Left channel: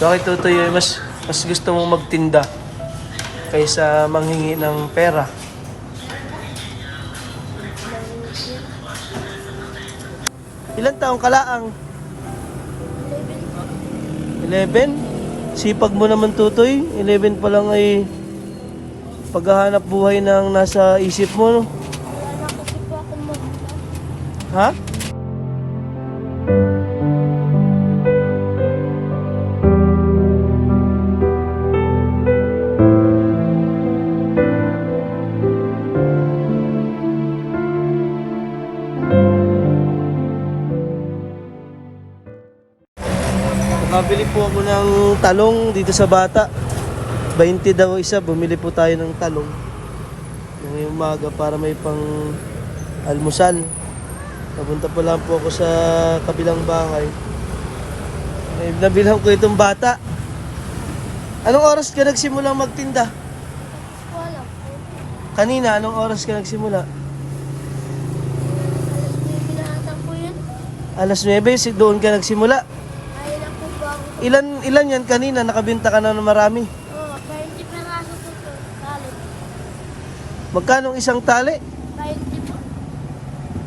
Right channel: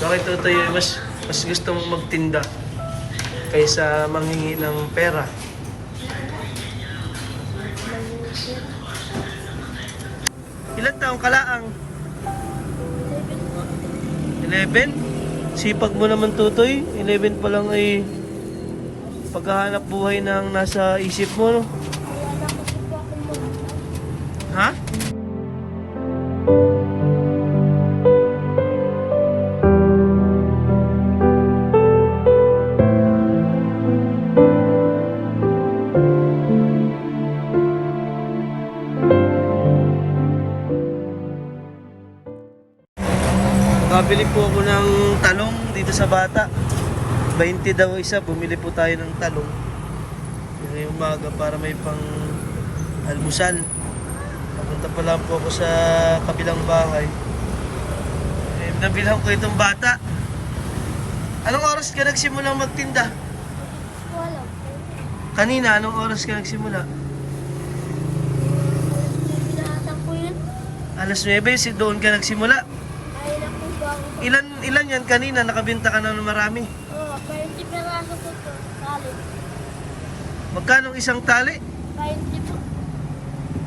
Bakit Totoy, mas gusto mong magtinda kaysa manghingi ng pera? Ilan taong kalaang? 11? Sipag mo naman Totoy. 11 pa lang ay paghahanap buhay ng nasa isip mo, no? Wala na kasi po akong magulang. Ha? Nakabili po ako ng talong dito sa bata. 20 daw isa, bumili po tayo ng talong ngayong umaga para may pang almusal. Pupunta pa lang po ako sa kabilang bahay. Nabilang ko itong bata. Anong oras ka nagsimulang magtinda? Wala po. Kanina, anong oras ka nagsimula? Alas 9 na ata po yun. Alas 9, doon ka nagsimula. Ayun na po ba ako? Ilan yan kanina? Nakabinta ka na ng marami. Oo, 20 peraso po to. Kalit. Magkano isang tali? 20 po.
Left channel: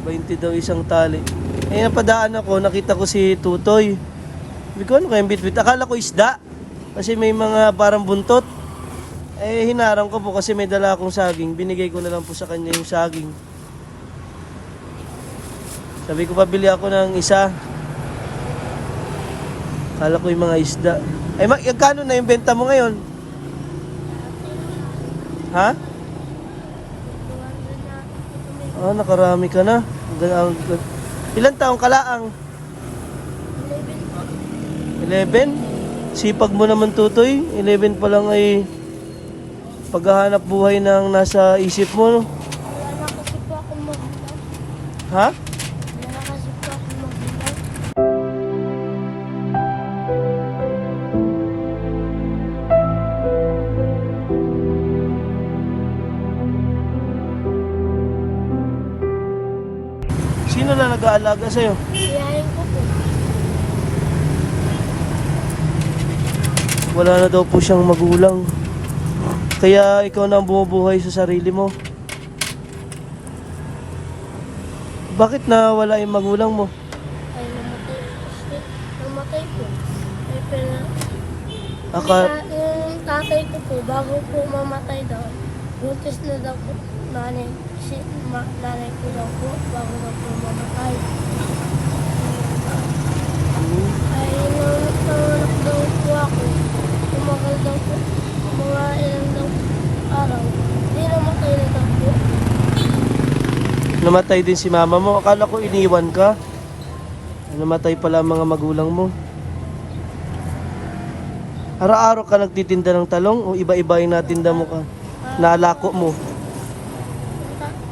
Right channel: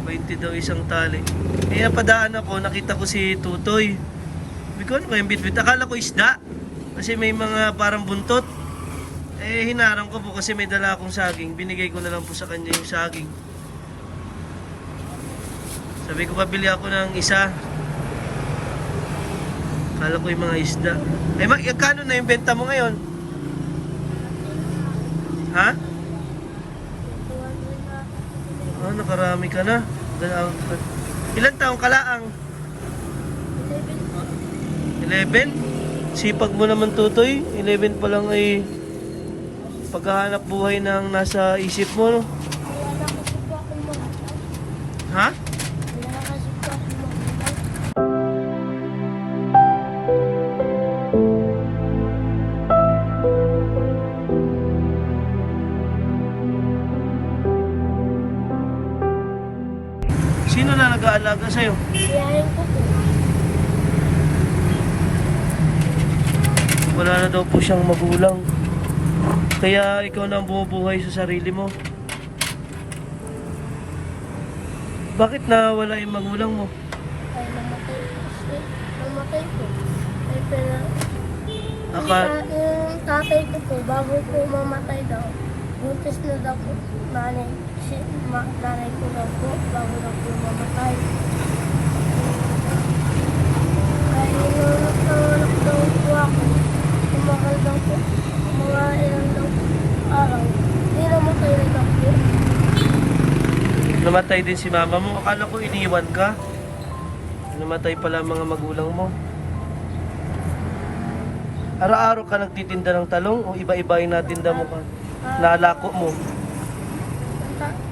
20 daw isang tali. Eh, napadaan ako, nakita ko si Tutoy. Sabi ko, ano kayang bitbit? Akala ko isda. Kasi may mga parang buntot. Eh, hinarang ko po kasi may dala akong saging. Binigay ko na lang po sa kanya yung saging. Sabi ko, pabili ako ng isa. Akala ko yung mga isda. Eh, kano na yung benta mo ngayon? Ha? 200 na ata po. Ah, nakarami ka na. Ilan taong kalaang? 11? Sipag mo naman Tutoy. 11 pa lang ay paghahanap buhay ng nasa isip mo, no? Wala na kasi po akong magulang. Ha? Wala na kasi po akong magulang. Sino na nag-aalaga sa'yo? Iyahin ko po. Wala na daw po siyang magulang. Kaya ikaw na ang bumubuhay sa sarili mo. Bakit na wala yung magulang mo? Ay, namatay po siya. Namatay po. Ay, pero... Yung tatay ko po, bago po mamatay daw, buntis na daw po. Nanay ko daw po, bago daw po mamatay. Ay, nanganak daw po ako. Tumakal daw po. Mga ilang daw araw. Hindi namatay na daw po. Namatay din si mama mo. Akala ko iniwan ka. Namatay pala ang mga magulang mo. Araw-araw ka nagtitinda ng talong o iba-iba yung natinda mo ka? Nalako mo.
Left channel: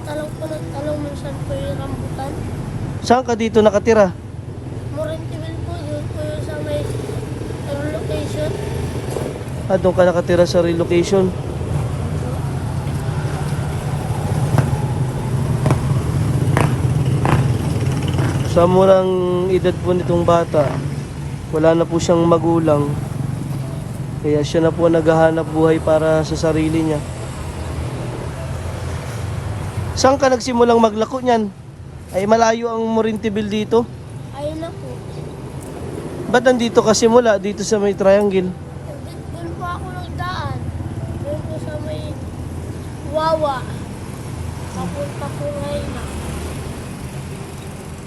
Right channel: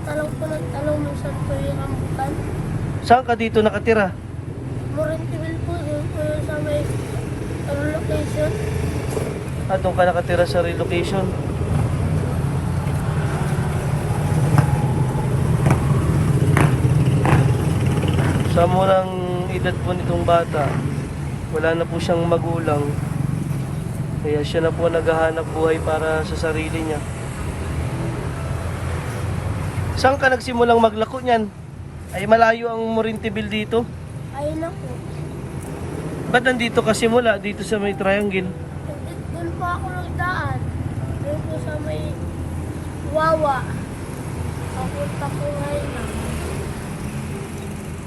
Talong po nagtalong minsan po yung rambutan. Saan ka dito nakatira? Morintibil po doon po yung sa may location. Doon ka nakatira sa relocation. Sa murang edad po nitong bata, wala na po siyang magulang. Kaya siya na po naghahanap buhay para sa sarili niya. Saan ka nagsimulang maglako niyan? Ay malayo ang Morintibil dito. Ayun na po. Ba't nandito ka simula? Dito sa may triangle. Doon po ako nagdaan. Doon po sa may Wawa. Papunta po ngayon na.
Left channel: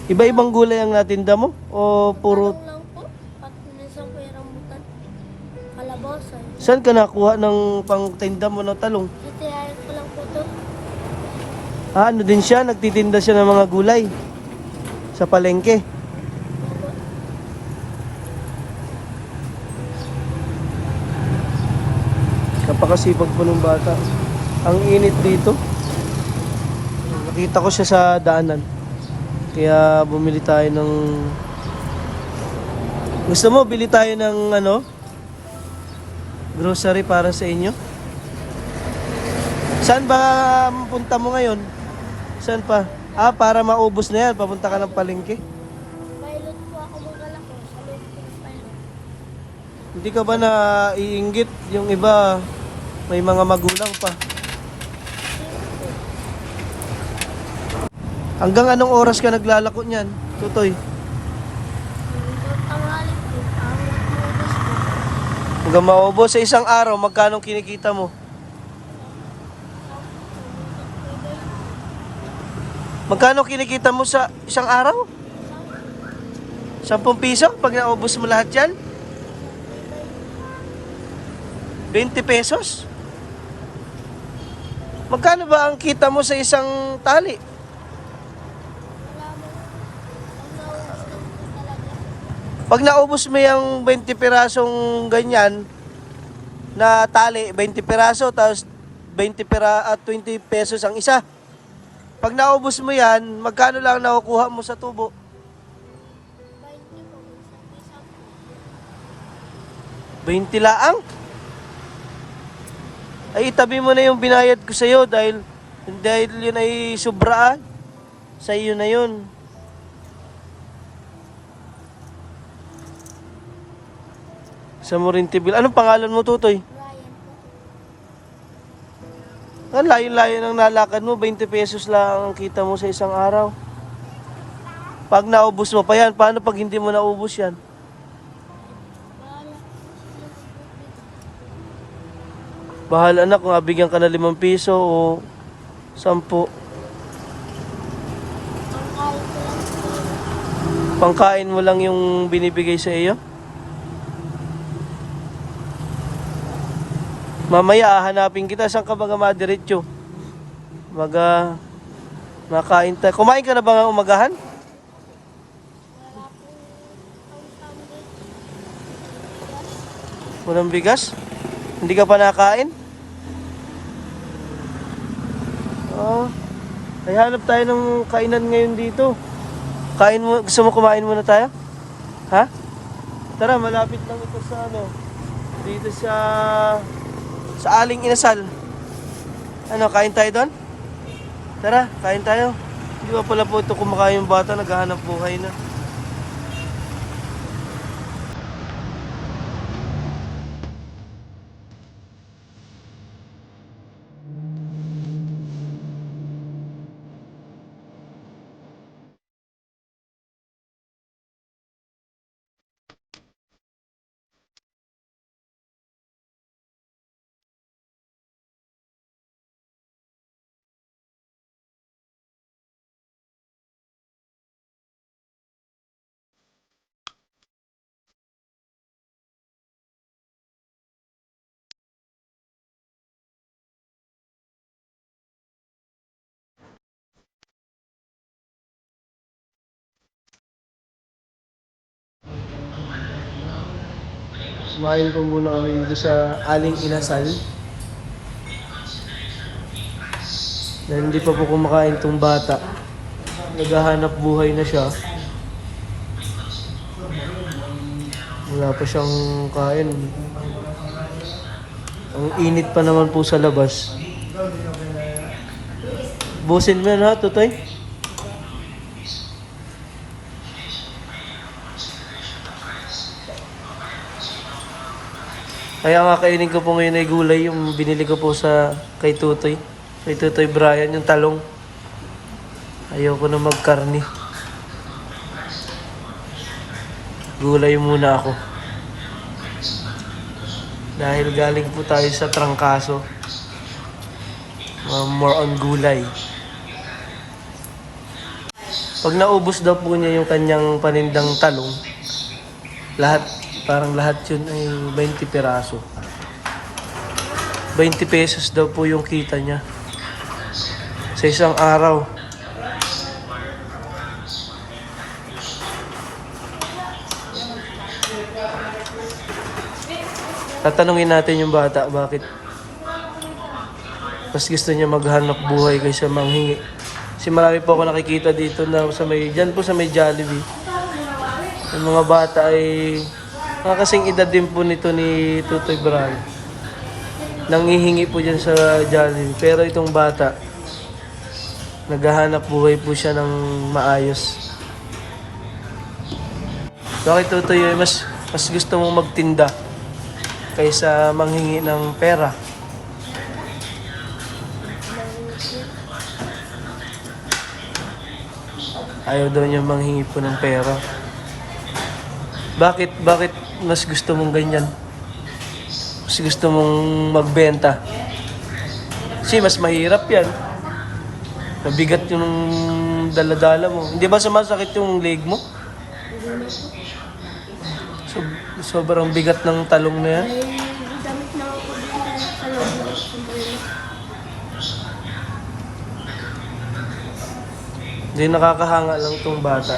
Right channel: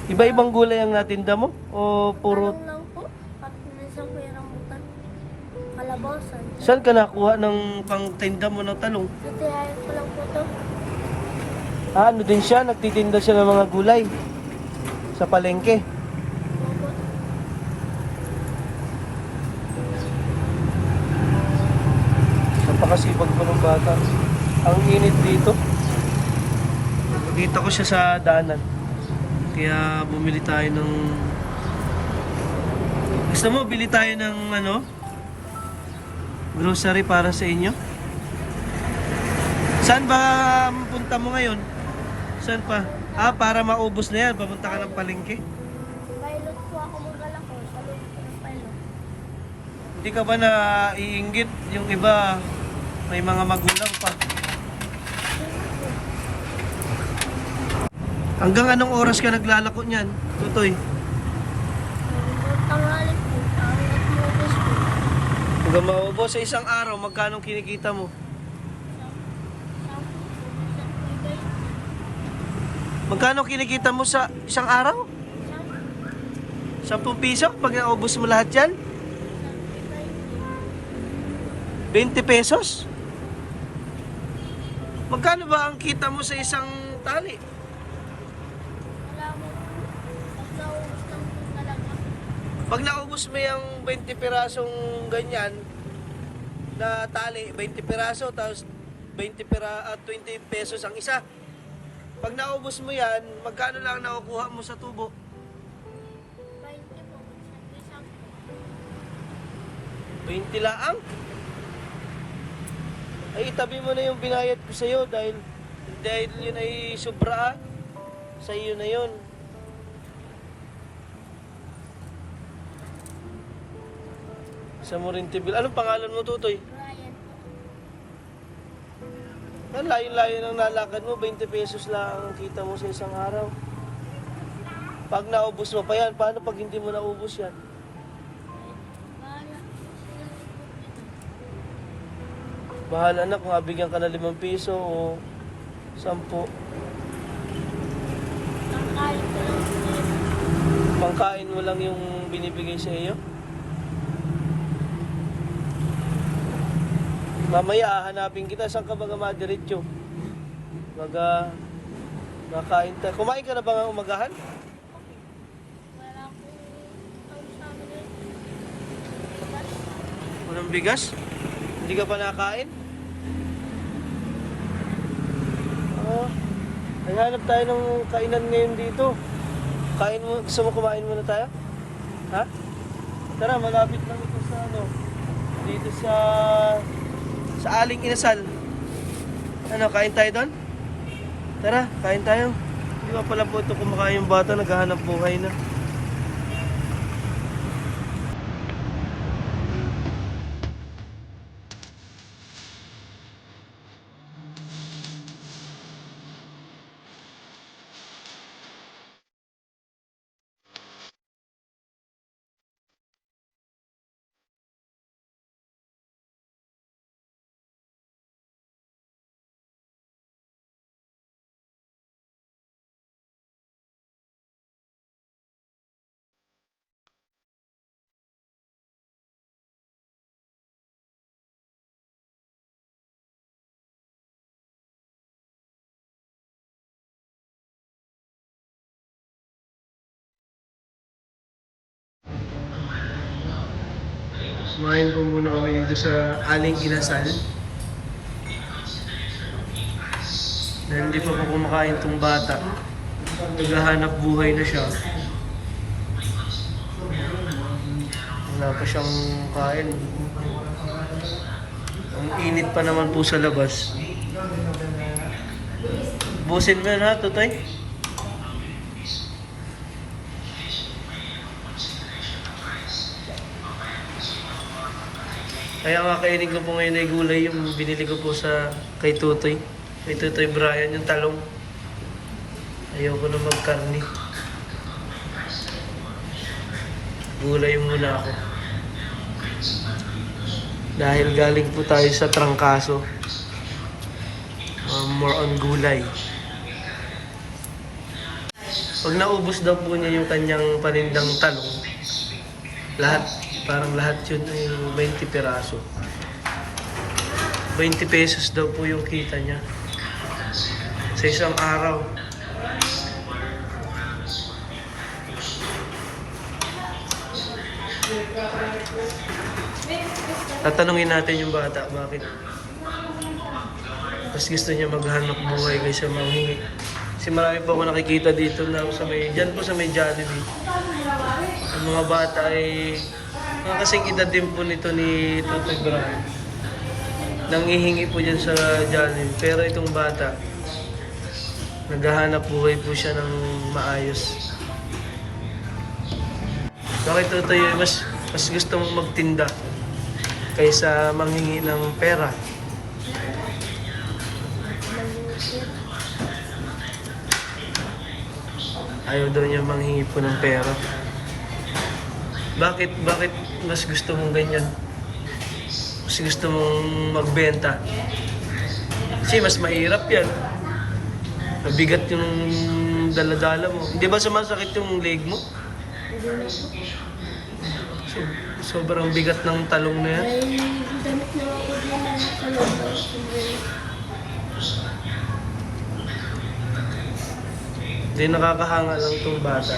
Iba-ibang gulay ang natinda mo? O puro... Talong lang po. At minsan po yung rambutan. Kalabasan. Saan ka nakuha ng pangtinda mo ng talong? Titihayin ko lang po to. Ano din siya? Nagtitinda siya ng mga gulay. Sa palengke. Opo. Napakasipag po ng bata. Ang init dito. Nakita ko siya sa daanan. Kaya bumili tayo ng... Gusto mo, bili tayo ng ano? Grocery para sa inyo? Saan ba punta mo ngayon? Saan pa? Para maubos na yan. Papunta ka ng palengke. Pilot po ako magala ko sa loob ko ng pilot. Hindi ka ba naiinggit yung iba may mga magulang pa? Hanggang anong oras ka naglalako niyan, Tutoy? Hanggang tanghali po, hanggang maubos po. Hanggang maubos sa isang araw, magkano kinikita mo? Magkano kinikita mo sa isang araw? 10 piso? Pag naubos mo lahat yan? 20 pesos? Magkano ba ang kita mo sa isang tali? Wala mo, naubos lang po talaga. Pag naubos mo yung 20 pirasong ganyan na tali, 20 piraso, tapos 20 pesos ang isa. Pag naubos mo yan, magkano lang nakukuha mo sa tubo? 20 po, minsan po. 20 laang? Ay, itabi mo na yung binayad ko sa'yo dahil yun ay sobraan. Sa iyo na yun. Sa Morinti Bill. Anong pangalan mo, Tutoy? Ryan po. Ang layo-layo ng nalakad mo, 20 pesos lang ang kita mo sa isang araw. Pag naubos mo pa yan, paano pag hindi mo naubos yan? Bahala po sila sa tubig. Bahal anak kung bigyan ka na 5 piso o 10. Ang kain ko lang po yun. Pangkain mo lang yung binibigay sa iyo? Mamaya hanapin kita. Saan ka ba madiretso? Makain tayo. Kumain ka na ba ng umagahan? Wala po ang family. Yes. Walang bigas? Hindi ka pa nakain? Ay, hanap tayo ng kainan ngayon dito. Kain mo, gusto mo kumain muna tayo? Ha? Tara, malapit lang ito sa dito sa Aling Inasal. Ano, kain tayo doon? Tara, kain tayo. Di ba pala po ito kumakain yung bata, naghahanap buhay na. Kumain po muna kami dito sa Aling Inasal. Dahil hindi pa po kumakain tong bata. Naghahanap buhay na siya. Wala pa siyang kain. Ang init pa naman po sa labas. Busin mo na, Tutoy. Kaya nga kainin ko po ngayon ay gulay, yung binili ko po kay Tutoy. Kay Tutoy Brian, yung talong. Ayaw ko na magkarni. Gulay muna ako. Dahil galing po tayo sa trangkaso. More on gulay. Pag naubos daw po niya yung kanyang panindang talong, parang lahat yun ay 20 piraso. 20 pesos daw po yung kita niya sa isang araw. Tatanungin natin yung bata bakit mas gusto niya maghanap buhay kaysa manghingi. Kasi marami po ako nakikita dito na dyan po sa may Jollibee. Yung mga bata ay kasing edad din po nito ni Tutoy Brian. Nanghihingi po dyan sa Jollibee. Pero itong bata, naghahanap buhay po siya ng maayos. Bakit Tutoy, mas gusto mong magtinda kaysa manghingi ng pera. Ayaw daw niya manghingi po ng pera. Bakit mas gusto mong ganyan? Mas gusto mong magbenta? Kasi mas mahirap yan. Mabigat yung dala-dala mo. Hindi ba sumasakit yung leg mo? Hindi na po. Sobrang bigat ng talong na yan. Ay, damit na ako din sa loob ng sombrero. Hindi, nakakahanga lang tong bata.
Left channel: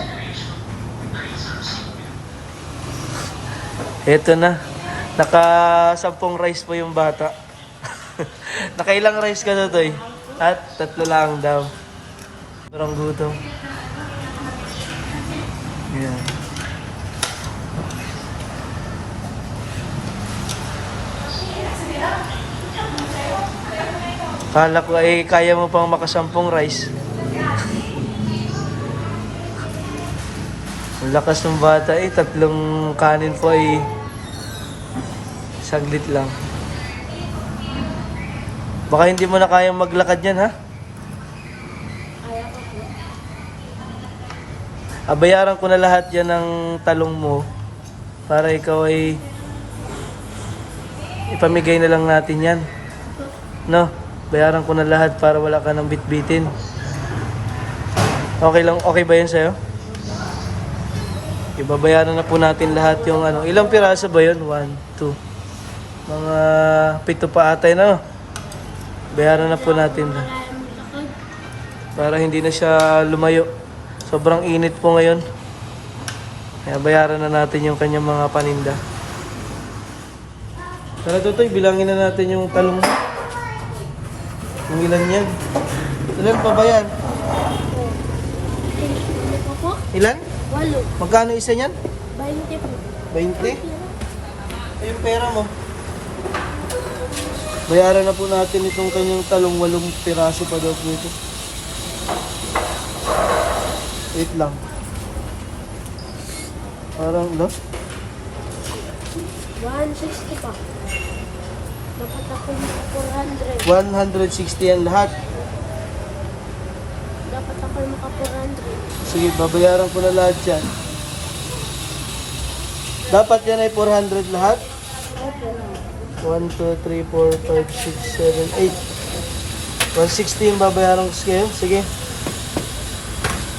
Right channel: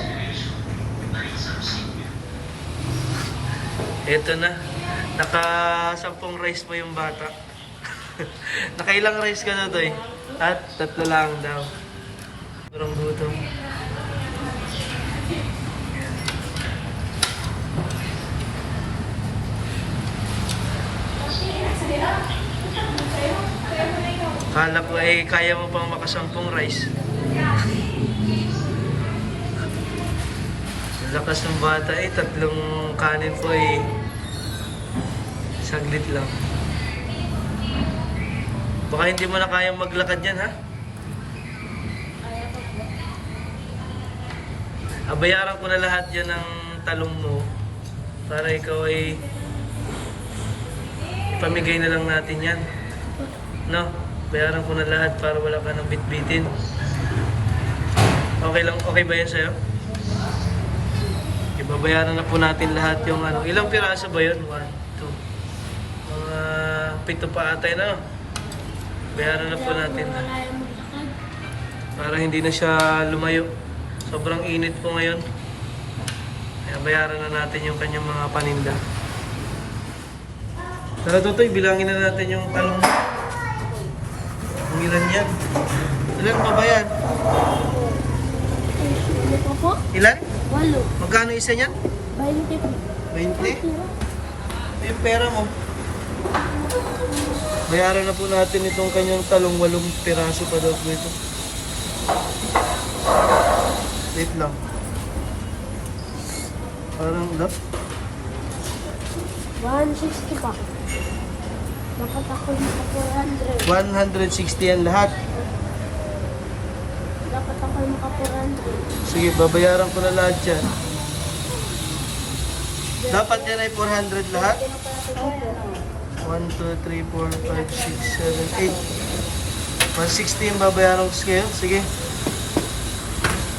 Eto na. Naka 10 rice pa yung bata. Nakailang rice ka na, Toy? At 3 lang daw. Sobrang gutom. Yan. Kala ko kaya mo pang makasampung rice. Ang lakas ng bata 3 kanin po ay saglit lang. Baka hindi mo na kayang maglakad yan, ha? Kaya ko po. Abayaran ko na lahat yan ng talong mo para ikaw ay ipamigay na lang natin yan. No? Bayaran ko na lahat para wala ka ng bitbitin. Okay lang, okay ba yan sa'yo? Ibabayaran na po natin lahat yung ano. Ilang piraso ba yun? 1, 2. Mga 7 pa atay na. Bayaran na po natin. Malayo maglakad. Para hindi na siya lumayo. Sobrang init po ngayon. Kaya bayaran na natin yung kanyang mga paninda. Tara, Totoy, bilangin na natin yung talong. Ilan yan? Ilan pa ba yan? Ano pa po? Ilan? 8. Magkano isa niyan? 20 po. 20? Ay, yung pera mo. Bayaran na po natin itong kanyang talong. 8 piraso pa daw po ito. Wait lang. Parang, no? 160 pa. Dapat ako yung 400. 160 yan lahat. Dapat ako yung maka 400. Sige, babayaran ko na lahat yan. Dapat yan ay 400 lahat. Opo. 1, 2, 3, 4, 5, 6, 7, 8. 160 yung babayaran ko sa'yo. Sige.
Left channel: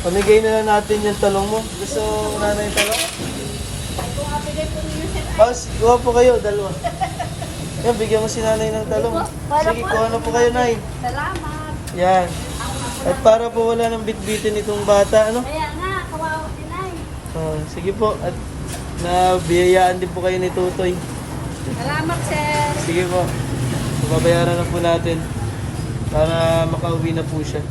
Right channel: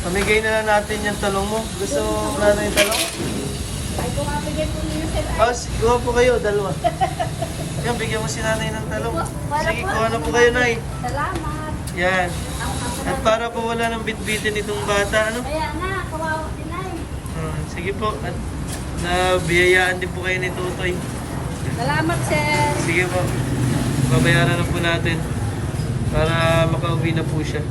Pamigay na lang natin yung talong mo. Gusto mo na yung talong? Oh, kuha po kayo, dalawa. Yan, bigyan mo si nanay ng talong. Sige, kuha na po kayo, nay. Salamat. Yan. At para po wala ng bitbitin itong bata, ano? Kaya nga, kawawa si Nay. Oh, sige po. At nabiyayaan din po kayo ni Tutoy. Salamat, sir. Sige po. Babayaran na po natin para makauwi na po siya.